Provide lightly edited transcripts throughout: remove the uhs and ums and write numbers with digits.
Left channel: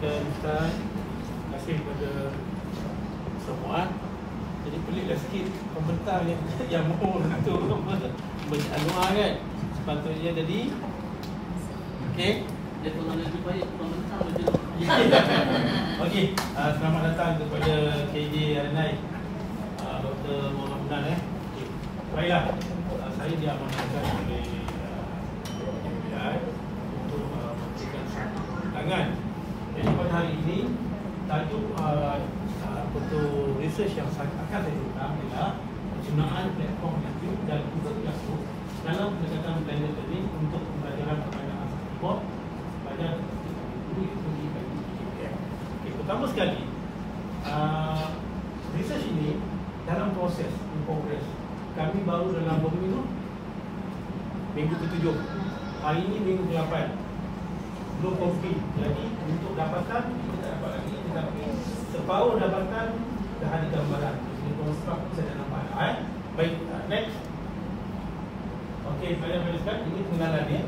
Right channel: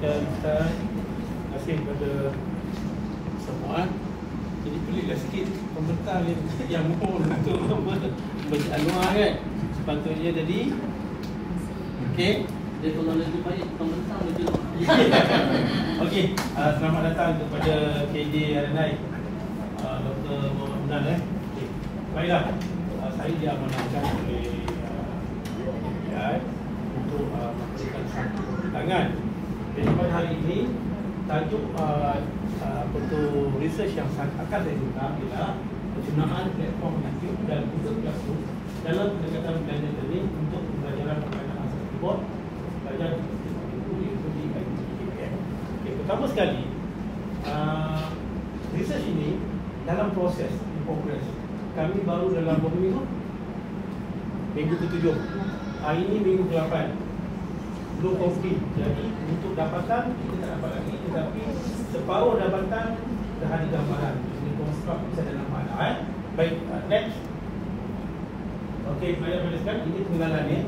kepada Ustaz, terima kasih kepada semua. Jadi peliklah sikit komentar yang mohon untuk bagi anuah kan. Sepatutnya jadi okey. Dia kalau lebih baik komentar lebih Okey, selamat datang kepada KJ Arenai, Dr. Muhammad Munal. Okey. Baiklah, saya diamanahkan oleh KPI untuk memberikan satu tangan. Jadi pada hari ini tajuk research yang akan saya guna ialah penggunaan platform YouTube dan Google Classroom dalam pendekatan blended learning untuk pembelajaran permainan asal keyboard sebagai mengikuti KPM. Okay, pertama sekali, research ini dalam proses, in progress. Kami baru dalam berapa minggu? Minggu ke-7. Hari ini minggu ke-8. Belum posting. Jadi untuk dapatan kita tak dapat lagi, tetapi separuh dapatan dah ada gambaran. Jadi konstruk bisa dalam mana. Baik, next. Okey, pada sekarang ini pengenalannya.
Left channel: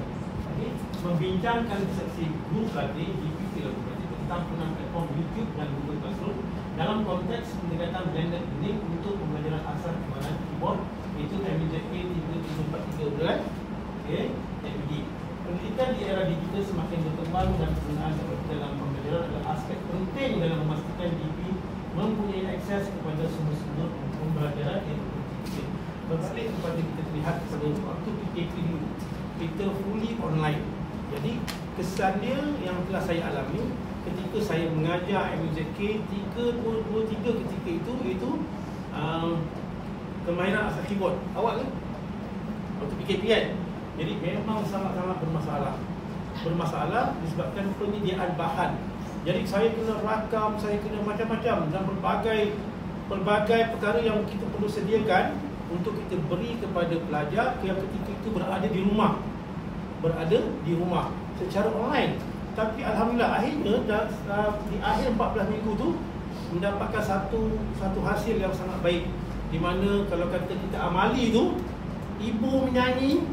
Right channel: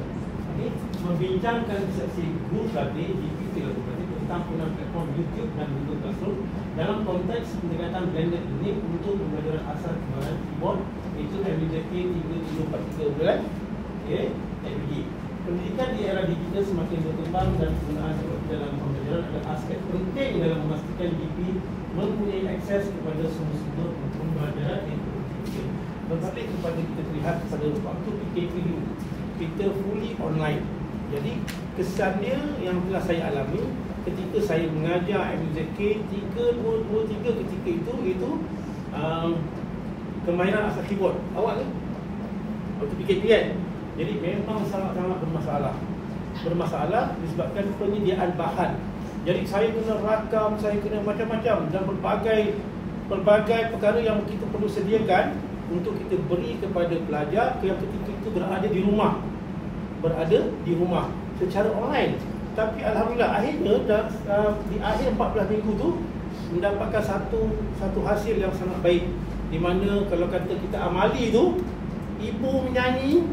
Okay. Membincangkan seksi group tadi GPT tentang penggunaan platform YouTube dan Google Classroom dalam konteks pendekatan blended learning untuk pembelajaran asal penggunaan keyboard, itu MBJP 3343 bulan. Okey, MBD. Pendidikan di era digital semakin berkembang dan penggunaan teknologi dalam pembelajaran adalah aspek penting dalam memastikan DP mempunyai akses kepada semua sudut pembelajaran di Indonesia. Berbalik kepada kita lihat pada waktu PKP dulu, kita fully online. Jadi kesannya yang telah saya alami ketika saya mengajar MZK 3 ketika itu permainan asal keyboard. Awak kan? Waktu PKP kan? Jadi memang sangat-sangat bermasalah disebabkan penyediaan bahan. Jadi saya kena rakam, saya kena macam-macam dan pelbagai perkara yang kita perlu sediakan untuk kita beri kepada pelajar yang ketika itu berada di rumah secara online. Tapi alhamdulillah akhirnya di akhir 14 minggu tu mendapatkan satu hasil yang sangat baik, di mana kalau kata kita amali tu, ibu menyanyi,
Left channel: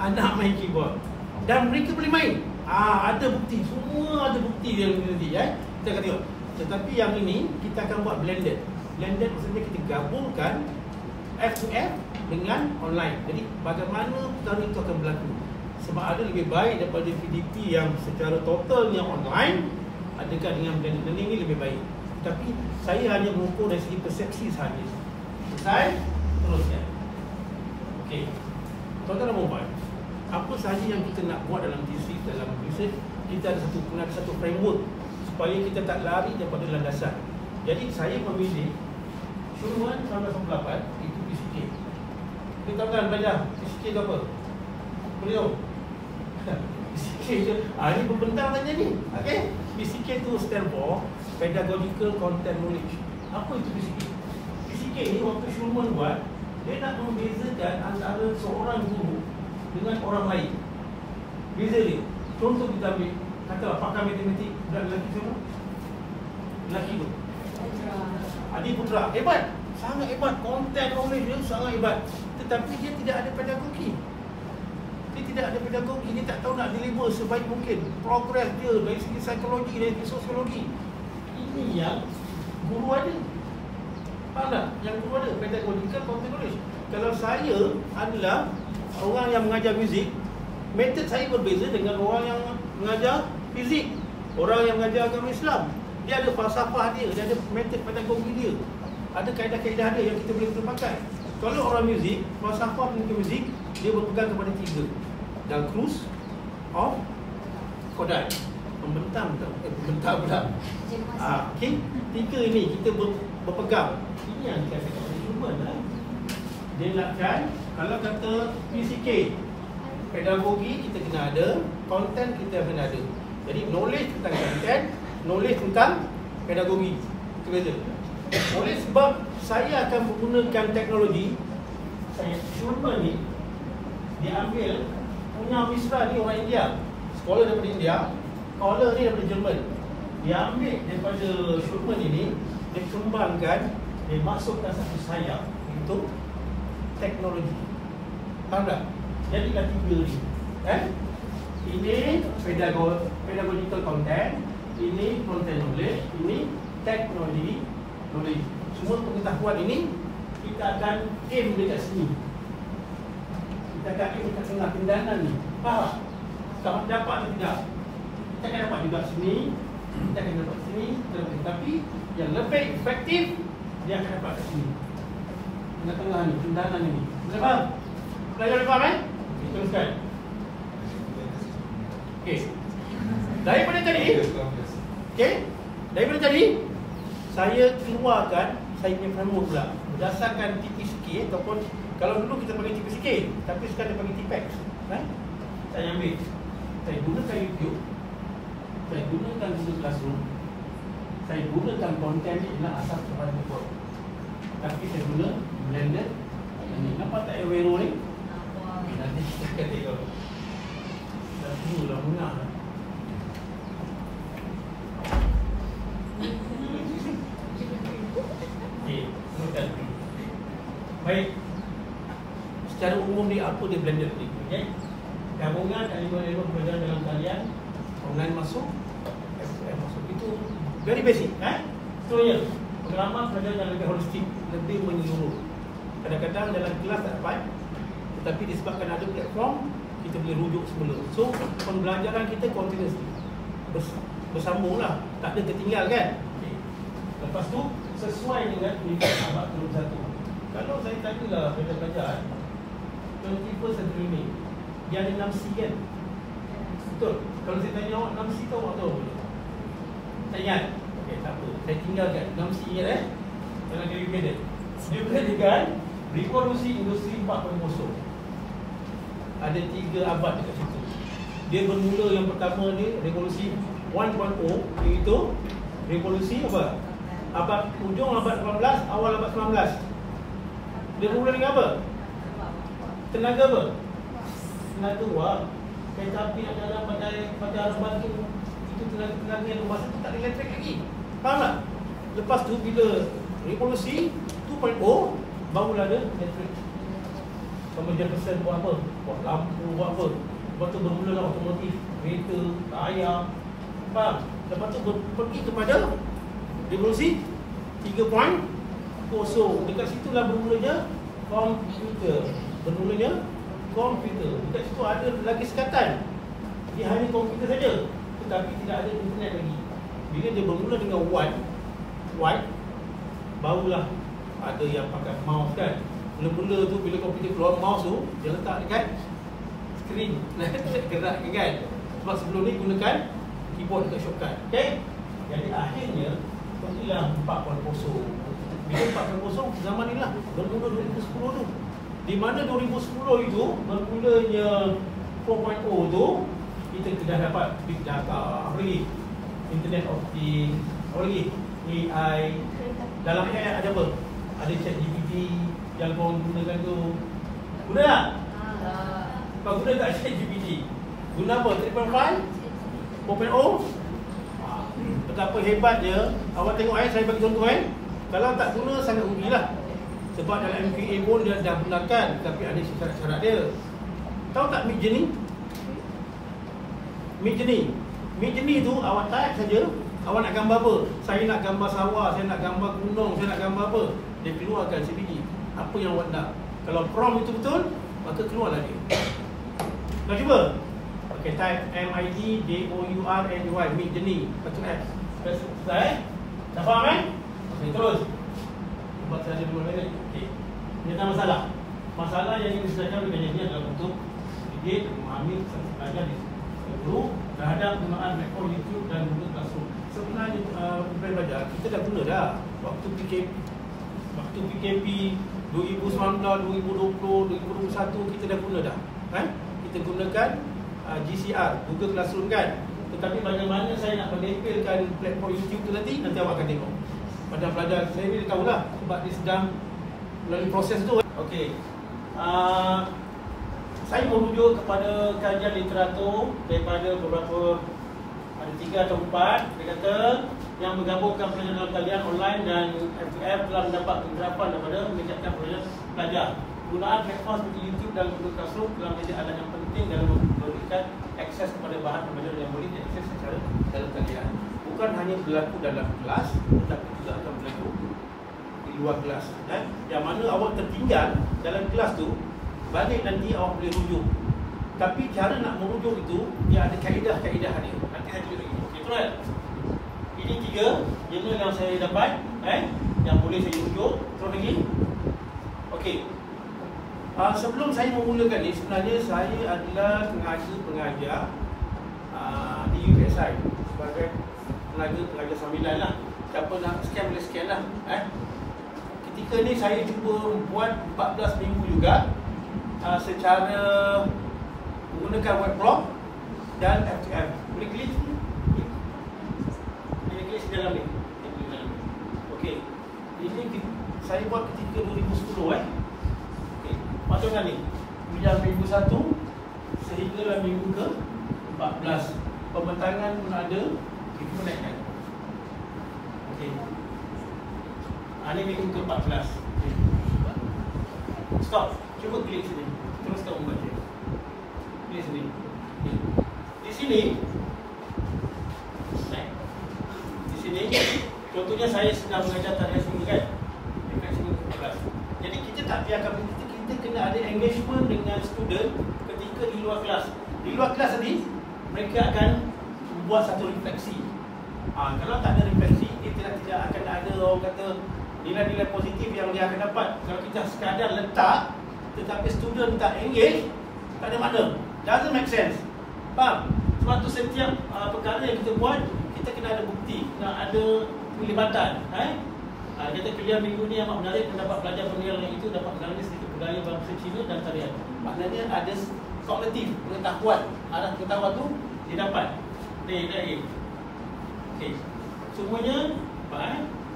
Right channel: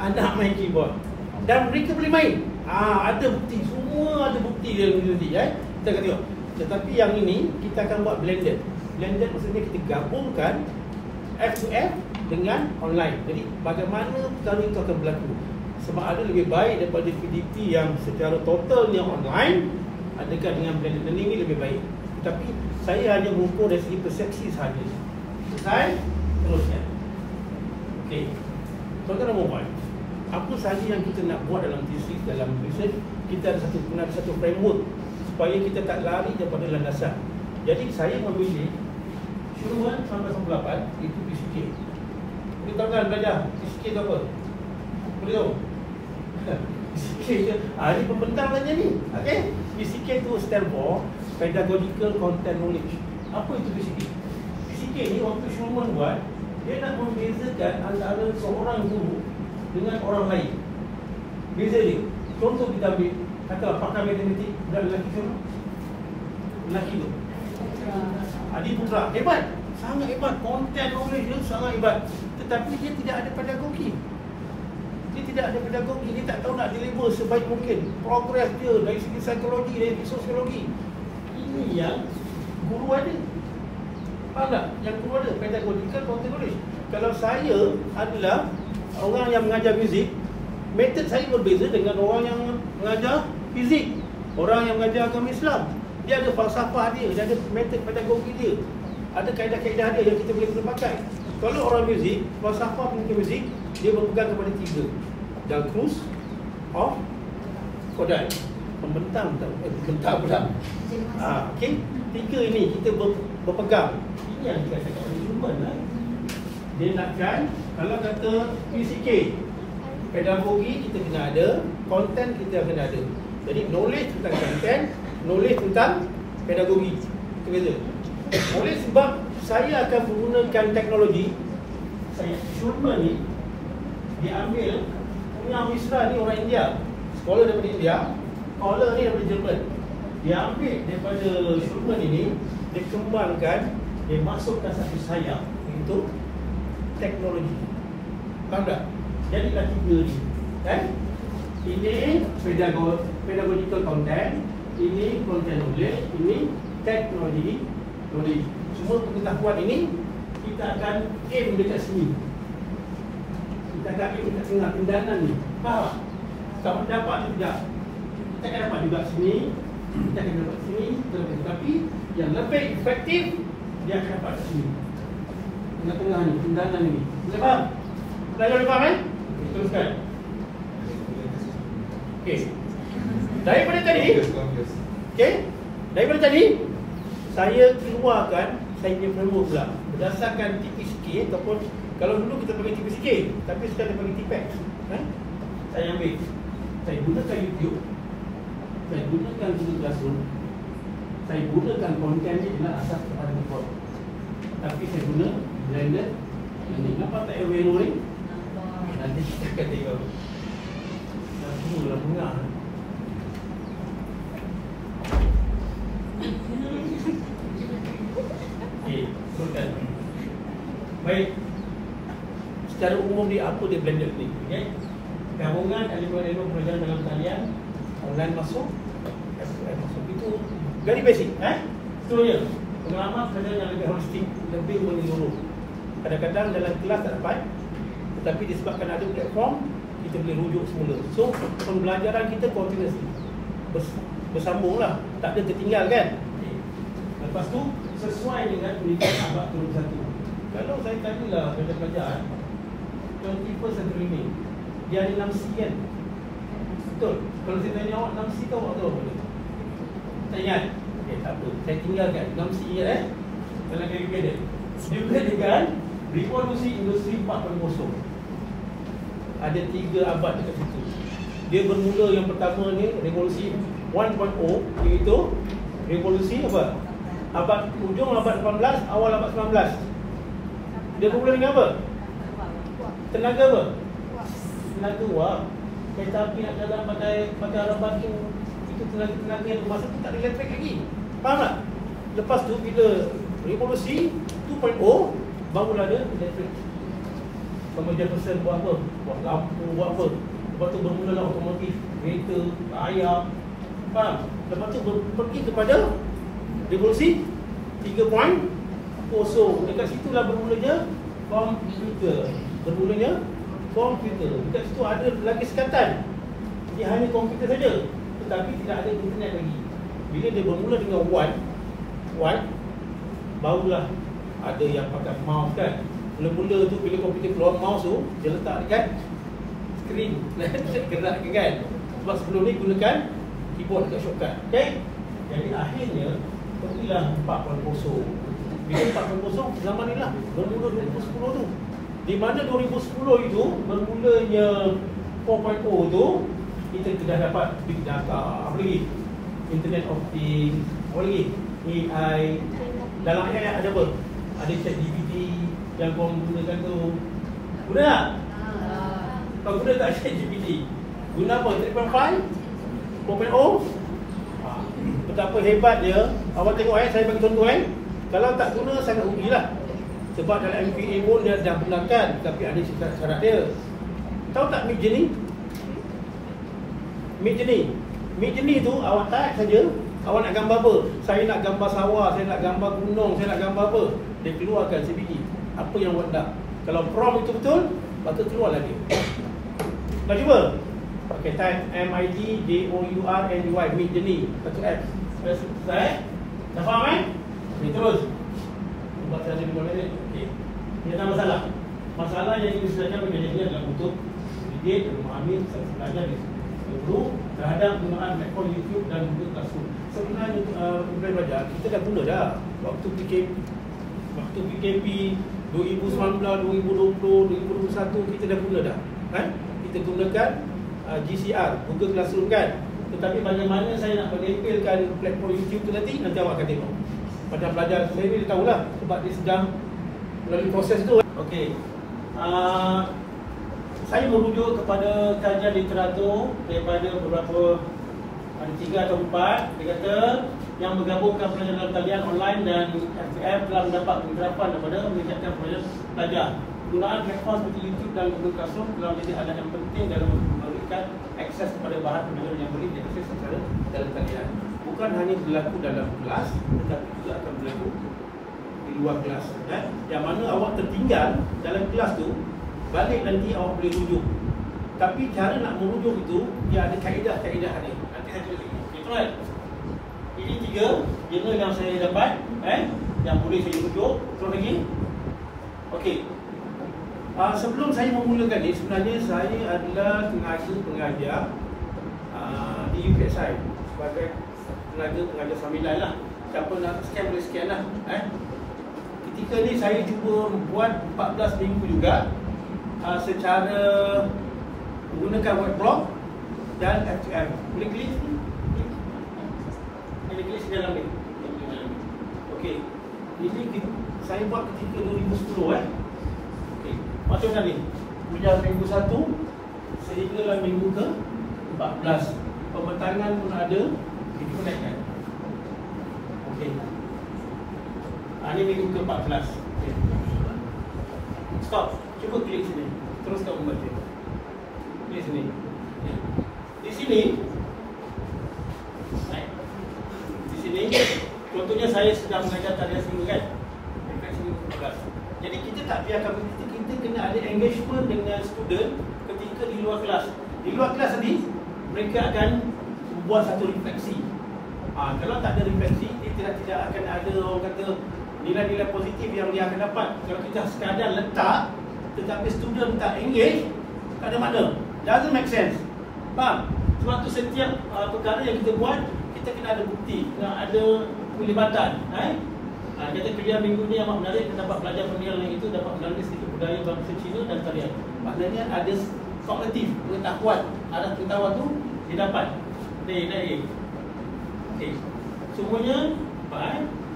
anak main keyboard dan mereka boleh main. Ada bukti, semua ada bukti dia nanti kita akan tengok. Tetapi yang ini kita akan buat blended. Blended maksudnya kita gabungkan F2F dengan online. Jadi bagaimana perkara itu akan berlaku? Sebab ada lebih baik daripada PDP yang secara totalnya online, adakah dengan blended learning ini lebih baik? Tapi saya hanya mengukur dari segi persepsi sahaja. Selesai? Teruskan. Okey. Tuan-tuan dan puan-puan, apa sahaja yang kita nak buat dalam thesis, dalam research, kita ada satu framework supaya kita tak lari daripada landasan. Jadi saya memilih syuruhan 1998 itu PCK. Kita tahu belajar PCK itu apa? Beliau PCK je. Ini pembentang saja ni. Okey. PCK itu stand for Pedagogical Content Knowledge. Apa itu PCK? PCK ni waktu Schulman buat, dia nak membezakan antara seorang guru dengan orang lain. Beza dia. Contoh kita ambil, katalah pakar matematik dan lelaki semua. Lelaki tu Adi Putra, hebat, sangat hebat, konten knowledge dia sangat hebat. Tetapi dia tidak ada pedagogi. Dia tak tahu nak deliver sebaik mungkin. Progress dia dari segi psikologi, dari segi sosiologi. Ini yang guru ada. Faham tak? Yang guru ada pedagogical content knowledge. Kalau saya adalah orang yang mengajar muzik, metod saya berbeza dengan orang yang mengajar fizik, orang yang mengajar agama Islam. Dia ada falsafah dia ada metod pedagogi dia, ada kaedah-kaedah dia yang kita boleh pakai. Kalau orang muzik, falsafah pengikut muzik, dia berpegang kepada 3. Dalcroze, of Kodaly. Pembentang pula. Okey, 3 ini kita berpegang. Ini yang saya cakap pada Schulman lah. Dia nakkan, kalau kata PCK, pedagogi kita kena ada, konten kita kena ada. Jadi knowledge tentang konten, knowledge tentang pedagogi, itu beza. Oleh sebab saya akan menggunakan teknologi, Schulman ni diambil punya Misra ni orang India, scholar daripada India, scholar ni daripada Jerman. Dia ambil daripada Schulman ini, dia kembangkan, dia masukkan satu sayap untuk teknologi. Faham tak? Jadilah 3 ni. Ini pedagogical content, ini content knowledge, ini teknologi knowledge. Semua pengetahuan ini kita akan aim dekat sini. Kita akan aim dekat tengah tindakan ni. Faham? Sama dapat atau tidak? Kita akan dapat juga sini, kita akan dapat sini, tapi yang lebih efektif dia akan dapat kat sini. Tengah-tengah ni, tindakan ni. Boleh faham? Pelajar boleh faham Teruskan. Okey. Daripada tadi, okey. Daripada tadi saya keluarkan saya punya framework pula berdasarkan TPCK ataupun kalau dulu kita pakai TPCK tapi sekarang dia pakai TPEX. Saya ambil. Saya gunakan YouTube. Saya gunakan Google Classroom. Saya gunakan konten ni dengan asas kepada report. Tapi saya guna Blender. Ini nampak tak arrow ni? Nanti kita akan tengok. Nanti mula mengah. Okey, teruskan. Baik. Secara umum dia apa dia Blender ni? Okey. Gabungan elemen-elemen pelajaran dalam talian online masuk, FQM masuk. Itu very basic, Itu je. Pengalaman pelajaran yang lebih holistik, lebih menyeluruh. Kadang-kadang dalam kelas tak dapat, tetapi disebabkan ada platform, kita boleh rujuk semula. So, pembelajaran kita continuous, bersambung lah, tak ada tertinggal kan. Lepas tu, sesuai dengan pendidikan abad ke-21. Kalau saya tanyalah pelajar-pelajar 21st century ni, dia ada 6C kan? Betul? Kalau saya tanya awak 6C tahu awak tahu apa dia? Tak ingat? Okey, tak apa. Saya tinggalkan 6C ingat dalam kajian dia. Dia berkaitan revolusi industri 4.0. Ada 3 abad dekat situ. Dia bermula yang pertama ni revolusi 1.0, iaitu revolusi apa? Abad hujung abad 18, awal abad 19. Dia bermula dengan apa? Tenaga apa? Tenaga wah. Kereta api nak jalan pada ramban tu, itu tenaga yang masa tu tak ada elektrik lagi. Faham tak? Lepas tu bila revolusi 2.0 barulah ada elektrik. Kemudian person buat apa? Buat lampu, buat apa? Lepas tu bermula otomotif, kereta, raya. Faham? Lepas tu pergi kepada revolusi 3.0. Dekat situlah bermulanya komputer. Dekat situ ada lagi sekatan. Dia hanya komputer saja, tetapi tidak ada internet lagi. Bila dia bermula dengan one, barulah ada yang pakai mouse kan. Mula-mula tu bila komputer keluar mouse tu, dia letak dekat skrin. Gerak kan. Sebab sebelum ni gunakan keyboard dekat shortcut. Okay? Jadi akhirnya pergilah 4.0. Bila 4.0 zaman ni lah, bermula 2010 tu. Di mana 2010 itu bermulanya 4.0 tu, kita sudah dapat big data, apa lagi? Internet of Things, apa lagi? AI. Dalam AI ada apa? Ada ChatGPT yang kau gunakan tu. Guna tak? Kau guna tak ChatGPT? Guna apa? 3.5? 4.0? Betapa hebat dia. Awak tengok saya bagi contoh kalau tak guna sangat rugilah. Sebab dalam MQA pun dia dah benarkan, tapi ada syarat-syarat dia. Tahu tak Midjourney? Midjourney tu awak type saja, awak nak gambar apa? Saya nak gambar sawah, saya nak gambar gunung, saya nak gambar apa? Dia keluarkan CPT. Apa yang awak nak? Kalau prompt betul-betul, maka keluarlah dia. Nak cuba? Pakai type MIDJOURNY, Midjourney, satu X. Selesai? Dah faham Okay, terus. Buat saja dulu ni. Okey. Dia tak masalah. Masalah yang kita sedangkan bagi dia adalah untuk dia memahami sains belajar di seluruh terhadap penggunaan platform YouTube dan Google Classroom. Sebenarnya belajar kita dah guna dah waktu PKP 2019, 2020, 2021 kita dah guna dah. Kita gunakan GCR, Google Classroom kan. Tetapi bagaimana saya nak menempelkan platform YouTube tu nanti awak akan tengok. Macam pelajar sendiri dia tahulah sebab dia sedang melalui proses tu. Okey. Saya merujuk kepada kajian literatur daripada beberapa, ada 3 atau 4. Dia kata yang menggabungkan pelajaran dalam talian online dan FQM telah mendapat penggerapan daripada meningkatkan pelajar. Penggunaan platform seperti YouTube dan Google Classroom telah menjadi alat yang penting dalam memberikan akses kepada bahan pembelajaran yang boleh diakses secara dalam talian. bukan hanya berlaku dalam kelas, tetapi juga akan berlaku di luar kelas. Yang mana awak tertinggal dalam kelas tu, balik nanti awak boleh rujuk. Tapi cara nak merujuk itu, dia ada kaedah-kaedah dia. Nanti saya tunjuk lagi. Betul kan? Ini 3 jurnal yang saya dapat, yang boleh saya rujuk. Terus lagi. Okey. Sebelum saya memulakan ni, sebenarnya saya adalah tenaga pengajar di UPSI sebagai tenaga sambilan lah. Siapa nak scan boleh scan lah. Ketika ni saya cuba buat 14 minggu juga secara menggunakan webblog dan FTM. Boleh klik ni? Boleh klik dalam ni. Okey. Ini saya buat ketika 2010 Okey. Maksudnya ni, sejak minggu 1 sehinggalah minggu ke 14. Pembentangan pun ada, itu pun naikkan. Okey. Ini minggu ke 14. Okay. Stop. Cuba klik sini. Teruskan membaca. Klik sini. Okay. Di sini, di sini, contohnya saya sedang mengajar tarian seminggu kan. Jadi kita tak biarkan begitu, kita kena ada engagement dengan student ketika di luar kelas. Di luar kelas tadi, mereka akan buat satu refleksi. Kalau tak ada refleksi, dia tidak akan ada orang kata nilai-nilai positif yang dia akan dapat. Kalau kita sekadar letak, tetapi student tak engage, tak ada makna. Doesn't make sense. Faham? Sebab tu setiap perkara yang kita buat, kita kena ada bukti, kena ada pelibatan. Kata kuliah minggu ni amat menarik, kita dapat belajar mengenal yang itu, dapat mengenali sedikit budaya bangsa Cina dan tarian. Maknanya ada kognitif, pengetahuan. Arah pengetahuan tu didapat. Okey. Semuanya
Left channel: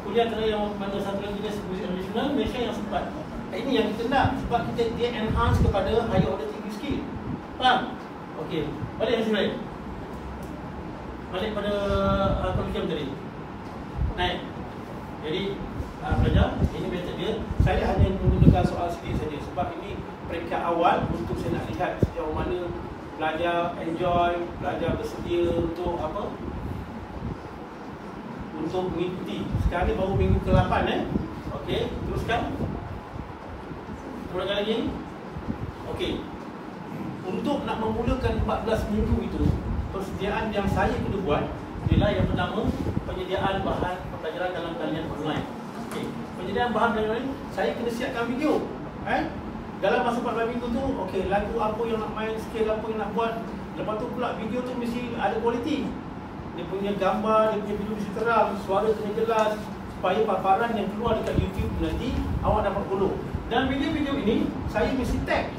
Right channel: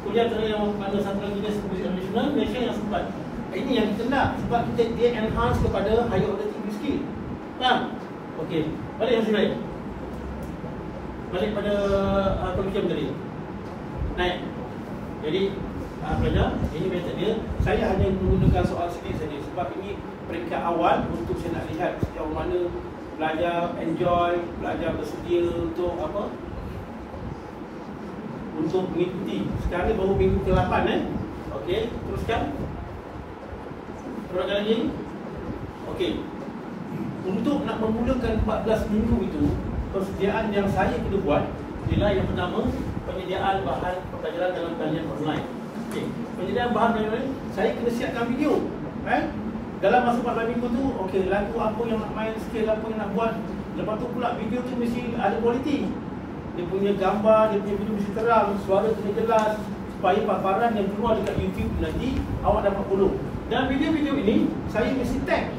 kuliah tarian yang pada satu lagi nasional Malaysia yang sempat. Ini yang kita nak, sebab dia enhance kepada higher order TV skill. Faham? Okey. Balik yang sebenarnya. Balik pada kurikulum tadi. Naik. Jadi pelajar, ini method dia. Saya hanya menggunakan soal sikit saja sebab ini peringkat awal untuk saya nak lihat sejauh mana pelajar enjoy, pelajar bersedia untuk apa? Untuk mengikuti. Sekarang ni baru minggu ke-8 Okey, teruskan. Teruskan lagi. Okey. Untuk nak memulakan 14 minggu itu, persediaan yang saya perlu buat ialah yang pertama, penyediaan bahan pembelajaran dalam talian online. Okey, penyediaan bahan pembelajaran saya kena siapkan video. Dalam masa 14 minggu tu, okey, lagu apa yang nak main, skill apa yang nak buat. Lepas tu pula video tu mesti ada kualiti. Dia punya gambar, dia punya video mesti terang, suara kena jelas supaya paparan yang keluar dekat YouTube nanti awak dapat follow. Dan video-video ini saya mesti tag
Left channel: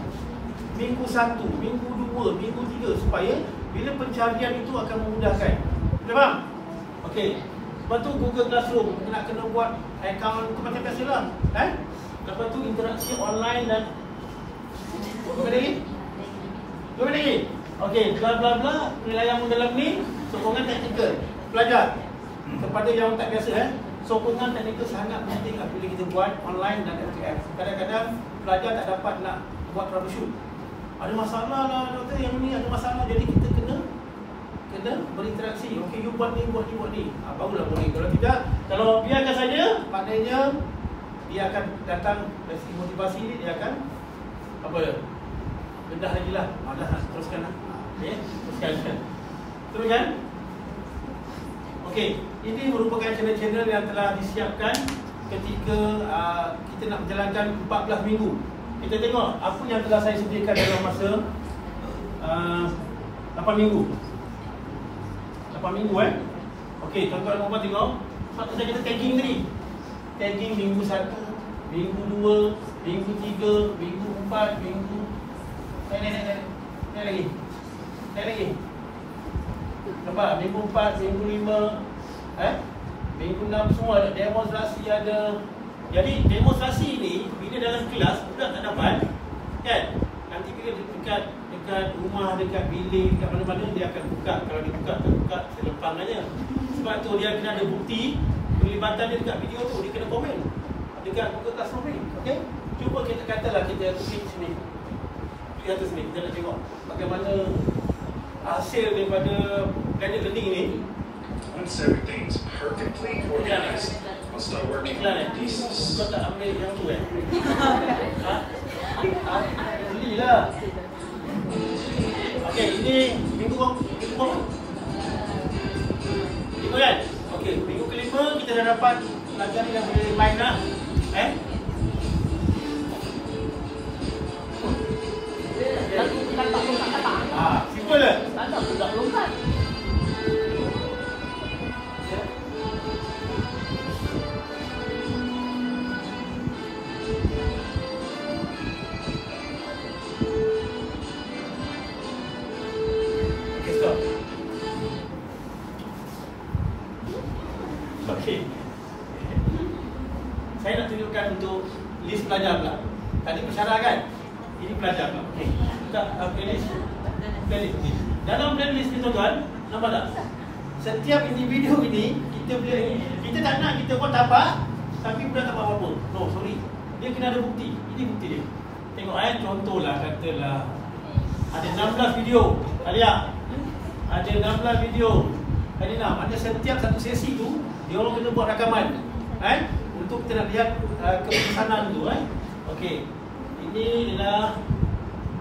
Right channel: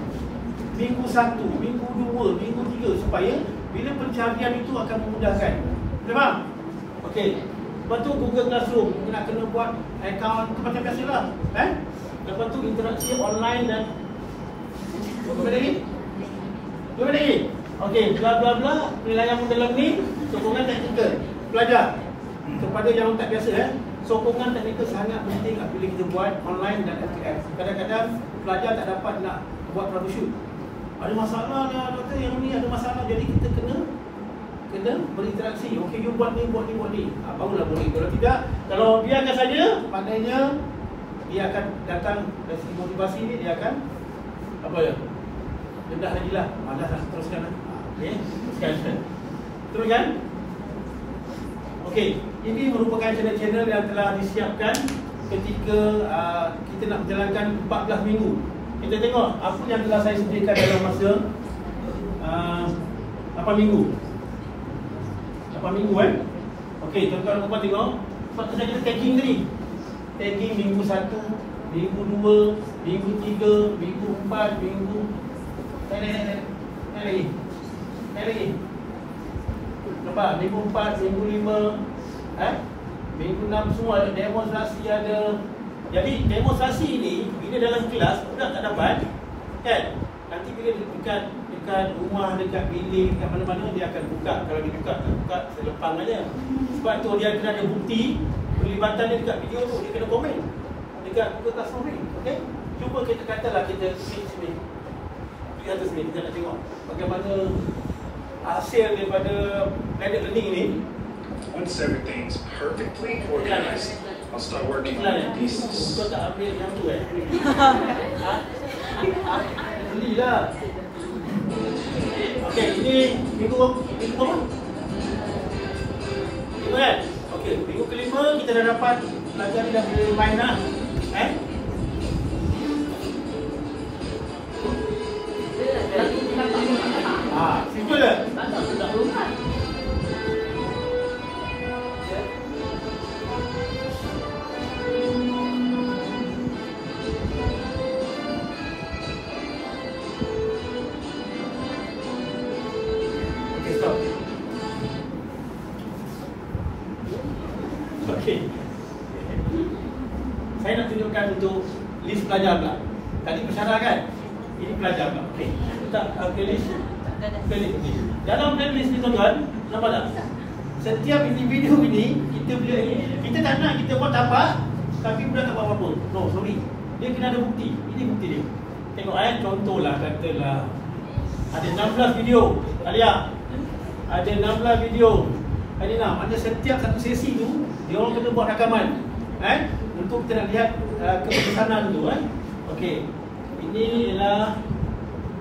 minggu 1, minggu 2, minggu 3 supaya bila pencarian itu akan memudahkan. Faham? Okey. Lepas tu Google Classroom nak kena buat akaun macam biasalah. Lepas tu interaksi online dan Dua lagi. Okey, bla bla bla, penilaian dalam ni sokongan teknikal pelajar. Kepada yang tak biasa sokongan teknikal sangat penting apabila kita buat online dan FTF. Kadang-kadang pelajar tak dapat nak buat troubleshoot. Ada masalah lah doktor, yang ni ada masalah, jadi kita kena berinteraksi. Okey, you buat ni. Barulah boleh. Kalau tidak, kalau biarkan saja, maknanya dia akan datang dari segi motivasi ni, dia akan apa ya? Rendah lagi lah. Malas lah. Teruskan lah. Okey, teruskan. Okey, ini merupakan channel-channel yang telah disiapkan ketika kita nak menjalankan 14 minggu. Kita tengok apa yang telah saya sediakan dalam masa 8 minggu. 8 minggu Okey, tuan-tuan dan puan tengok. Sebab kita tagging tadi. Tagging minggu 1, minggu 2, minggu 3, minggu 4, minggu naik lagi. Nampak? Minggu 4, minggu 5, minggu 6 semua ada demonstrasi ada. Jadi demonstrasi ni bila dalam kelas budak tak dapat kan? Nanti bila dekat rumah, dekat bilik, dekat mana-mana dia akan buka. Kalau dibuka, terbuka selepang aja. Sebab tu dia kena ada bukti pelibatan dia dekat video tu, dia kena komen dekat Google Classroom ni. Okey? Cuba kita katalah kita klik sini. Di atas ni kita nak tengok bagaimana hasil daripada blended learning ni. Once everything's perfectly organized, I'll start working on the pieces. Kau tak ambil yang tu belilah. Okey, ini minggu apa? Minggu kan? Okey, minggu kelima kita dah dapat pelajaran yang boleh main lah. Simple ke? Okey. Saya nak tunjukkan untuk list pelajar pula. Tadi pensyarah kan? Ini pelajar pula. Okey. Kita playlist. Playlist. Dalam playlist ni tuan-tuan, nampak tak? Setiap individu ini kita tak nak kita buat tapak, tapi budak tak buat apa-apa. No, sorry. Dia kena ada bukti. Ini bukti dia. Tengok contohlah katalah ada 16 video. Alia. Ada 16 video. Ada 6. Ada setiap satu sesi tu dia orang kena buat rakaman. Untuk kita nak lihat kepesanan tu. Okey. Ini ialah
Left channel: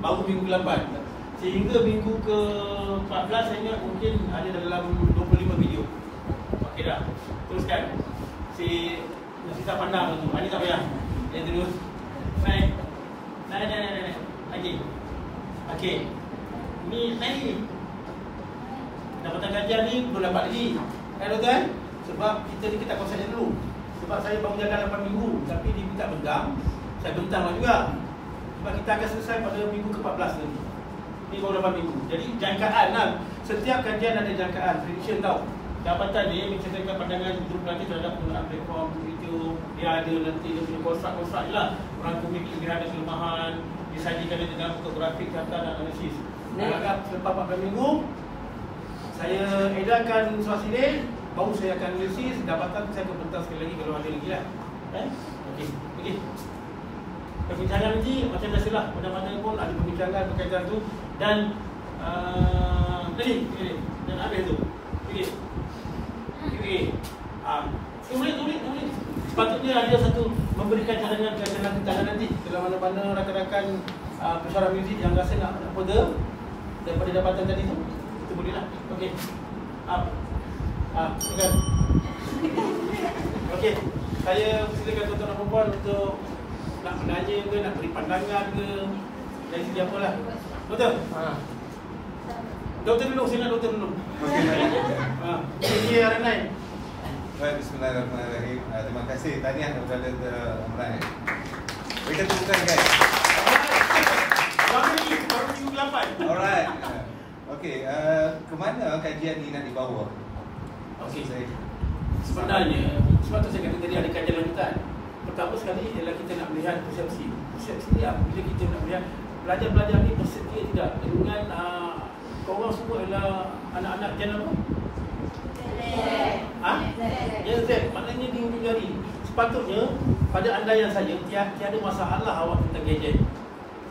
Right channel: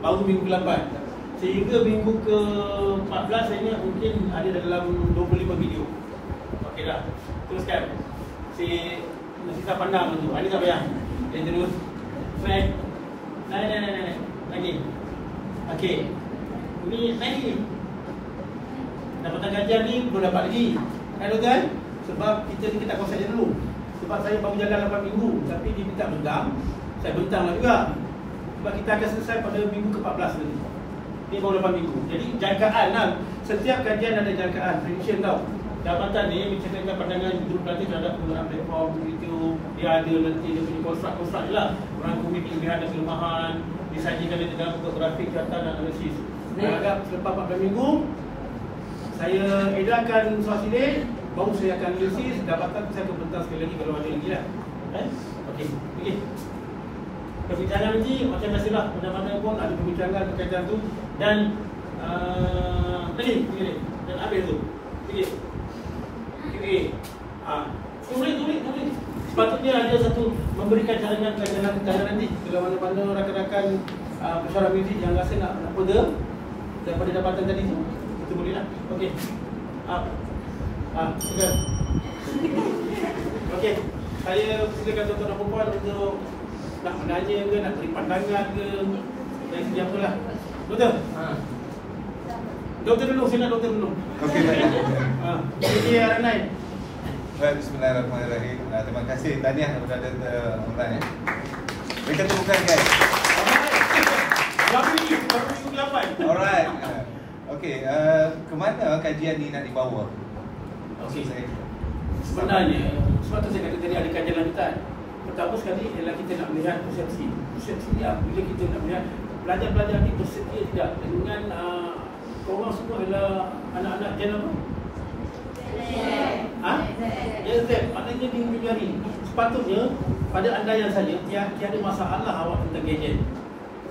baru minggu ke-8. Sehingga minggu ke-14 saya ingat mungkin ada dalam 25 video. Okey dah. Teruskan. Si sisa pandang tu. Ini tak payah. Dia terus naik. Naik. Lagi. Okey. Ini naik ni. Dapatan kajian ni belum dapat lagi. Kan? Sebab kita ni tak konsep dia dulu. Sebab saya baru jaga 8 minggu. Tapi dia minta bentang. Saya bentang lah juga. Sebab kita akan selesai pada minggu ke-14 lagi. Ni baru 8 minggu. Jadi jangkaan lah. Setiap kajian ada jangkaan. Prediction tau. Dapatan ni menceritakan pandangan grup nanti terhadap penggunaan platform YouTube. Dia ada nanti dia punya konstruk je lah. Merangkumi kelebihan dan kelemahan. Disajikan dengan bentuk grafik, data dan analisis. Agak selepas 14 minggu saya edarkan soal silik, baru saya akan analisis, dapatan saya akan bentang sekali lagi kalau ada lagi lah. Okey. Perbincangan nanti macam biasalah, mana-mana pun ada perbincangan berkaitan tu. Dan dan habis tu. Pilih. Tulis. Sepatutnya ada satu memberikan cadangan nanti. Kalau mana-mana rakan-rakan pensyarah muzik yang rasa nak order daripada dapatan tadi tu, kita boleh lah. Okey. Silakan. Okey. Saya silakan tuan-tuan dan puan untuk nak menanya ke, nak beri pandangan ke, dari segi apa lah. Doktor? Doktor dulu, saya nak doktor dulu. Okey, baik. Okey, Aranai. Bismillahirrahmanirrahim. Terima kasih. Tahniah kepada Ramadan. Kita temukan guys. Baru minggu 8. Alright. Okey, ke mana kajian ni nak dibawa? Okey. Sebenarnya, sebab tu saya kata tadi ada kajian lanjutan. Pertama sekali ialah kita nak melihat persepsi. Persepsi ni bila kita nak melihat pelajar-pelajar ni bersedia tidak dengan korang semua ialah anak-anak jalan apa? Ya, maknanya minggu hari. Sepatutnya pada andaian saja tiada masalah awak tentang gadget.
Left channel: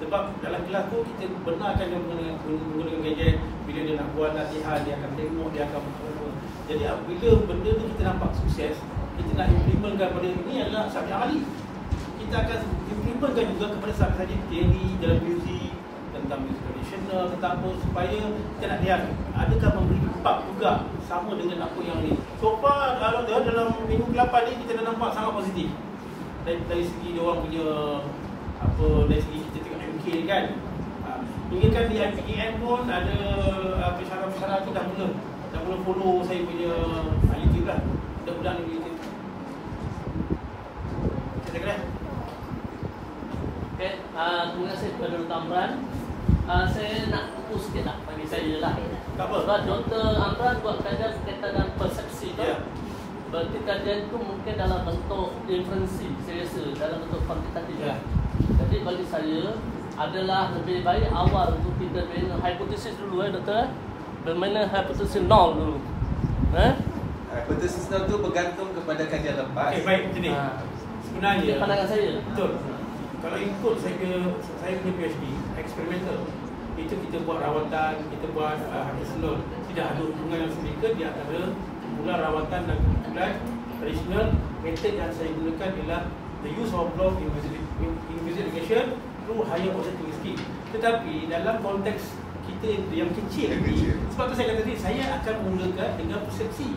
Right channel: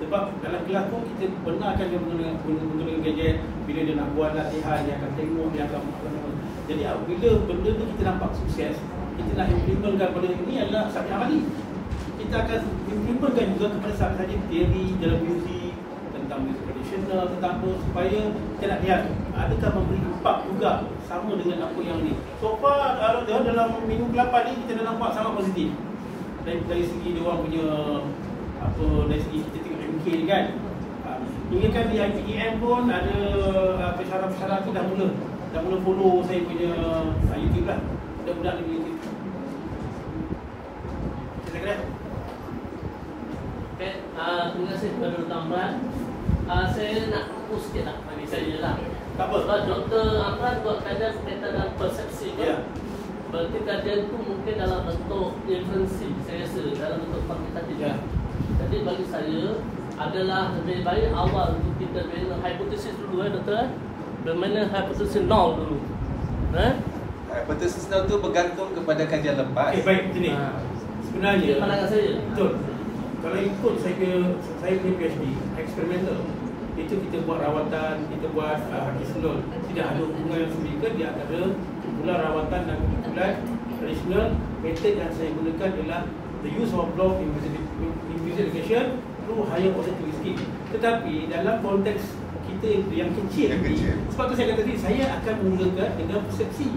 Sebab dalam kelas pun kita benarkan dia menggunakan gadget. Bila dia nak buat latihan, dia akan tengok, dia akan jadi bila benda tu kita nampak sukses, kita nak implementkan pada ini adalah subjek amali. Kita akan implementkan juga kepada subjek teori dalam muzik, tentang muzik tradisional, tentang apa, supaya kita nak lihat adakah memberi impak juga sama dengan apa yang ni. So far dalam minggu ke-8 ni kita dah nampak sangat positif. Dari segi dia orang punya apa, dari segi kita tengok MK ni kan. Ingatkan di IPEM pun ada pensyarah-pensyarah tu dah mula follow saya punya YouTube lah. Budak-budak ni YouTube. Kira-kira. Okay, terima kasih kepada Dr. Amran. Saya nak fokus sikit lah dari saya lah. Tak apa. Sebab Dr. Amran buat kajian berkaitan dengan persepsi kan? Ya. Berarti kajian itu mungkin dalam bentuk inferensi, saya rasa dalam bentuk kuantitatif. Ya. Jadi bagi saya adalah lebih baik awal untuk kita bina hipotesis dulu Doktor. Bermain hipotesis nol dulu. Hipotesis nol tu bergantung kepada kajian lepas. Baik, gini. Sebenarnya Ini pandangan saya. betul. Kalau ikut saya punya PhD eksperimental, itu kita buat rawatan, kita buat tradisional. Tidak ada hubungan yang signifikan di antara kumpulan rawatan dan kumpulan tradisional. Metod yang saya gunakan ialah the use of block investigation through higher positive skill. Tetapi dalam konteks kita yang kecil ni, sebab tu saya kata tadi, saya akan mulakan dengan persepsi.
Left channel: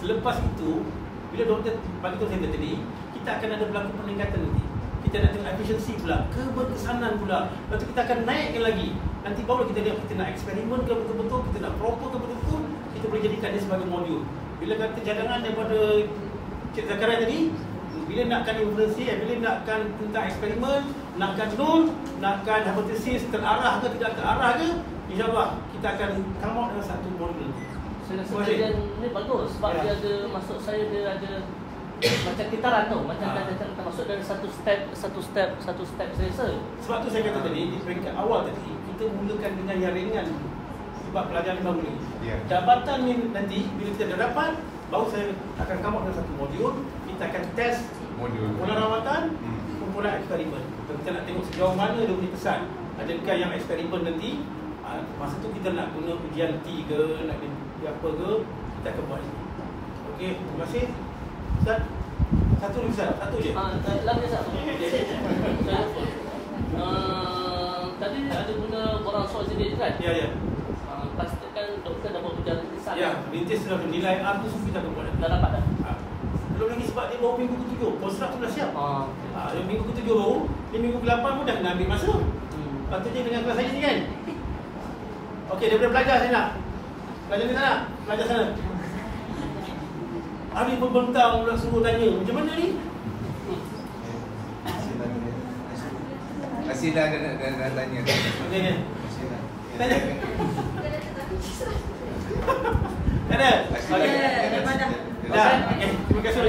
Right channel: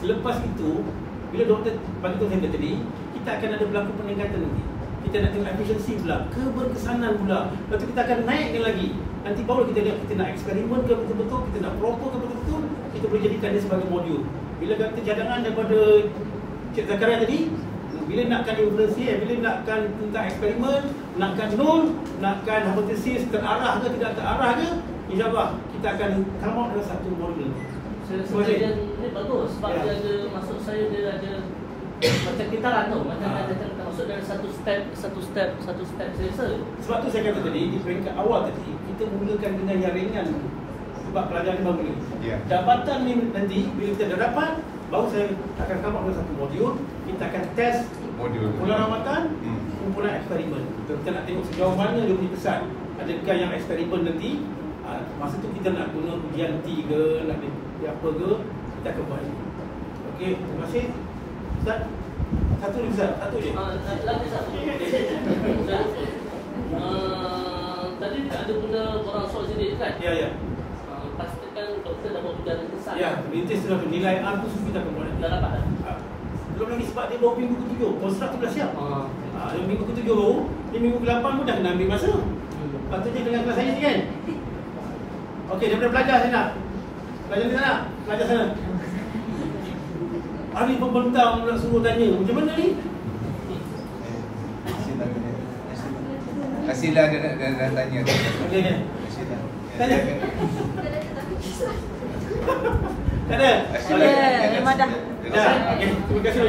Selepas itu, bila doktor bagi tahu saya tadi, kita akan ada berlaku peningkatan nanti. Kita nak tengok efisiensi pula, keberkesanan pula. Lepas tu kita akan naikkan lagi. Nanti baru kita lihat kita nak eksperimen ke betul-betul, kita nak proper ke betul-betul, kita boleh jadikan dia sebagai modul. Bila kata cadangan daripada Cik Zakaria tadi, bila nakkan inferensi, bila nakkan tentang eksperimen, nakkan nol, nakkan hipotesis terarah ke tidak terarah ke, insyaAllah kita akan come out dengan satu modul. Saya rasa kajian ni bagus sebab dia ada, maksud saya dia ada macam kitaran tu, macam katakan termasuk dari satu step saya rasa. Sebab tu saya kata tadi, di peringkat awal tadi, kita mulakan dengan yang ringan sebab pelajaran baru ni. Jabatan ni nanti, bila kita dah dapat, baru saya akan come out dengan satu modul. Kita akan test kumpulan rawatan, kumpulan eksperimen. Kita nak tengok sejauh mana dia punya pesan. Adakah yang eksperimen nanti, masa tu kita nak guna ujian T ke, nak dia apa ke, kita akan buat ini. Okey, terima kasih. Ustaz, satu lagi Ustaz, satu je. Lagi satu. Tadi ada guna orang soal sendiri kan? Ya. Pastikan doktor dah buat ujian rintis. Ya, rintis sudah nilai A tu kita akan buat. Dah dapat dah? Belum lagi sebab dia 2 minggu ke-7, konstruk tu dah siap. Minggu ke-7 tu, di minggu ke-8 pun dah kena ambil masa. Patutnya dengan kelas saya ni kan. Okey, daripada belajar saya nak. Belajar ni nak? Belajar sana. Hari pembentang pula suruh tanya, macam mana ni? Kasihlah dan tanya. Okey. Tanya. Tak ada? Ya, memang dah. Dah. Okey, terima kasih.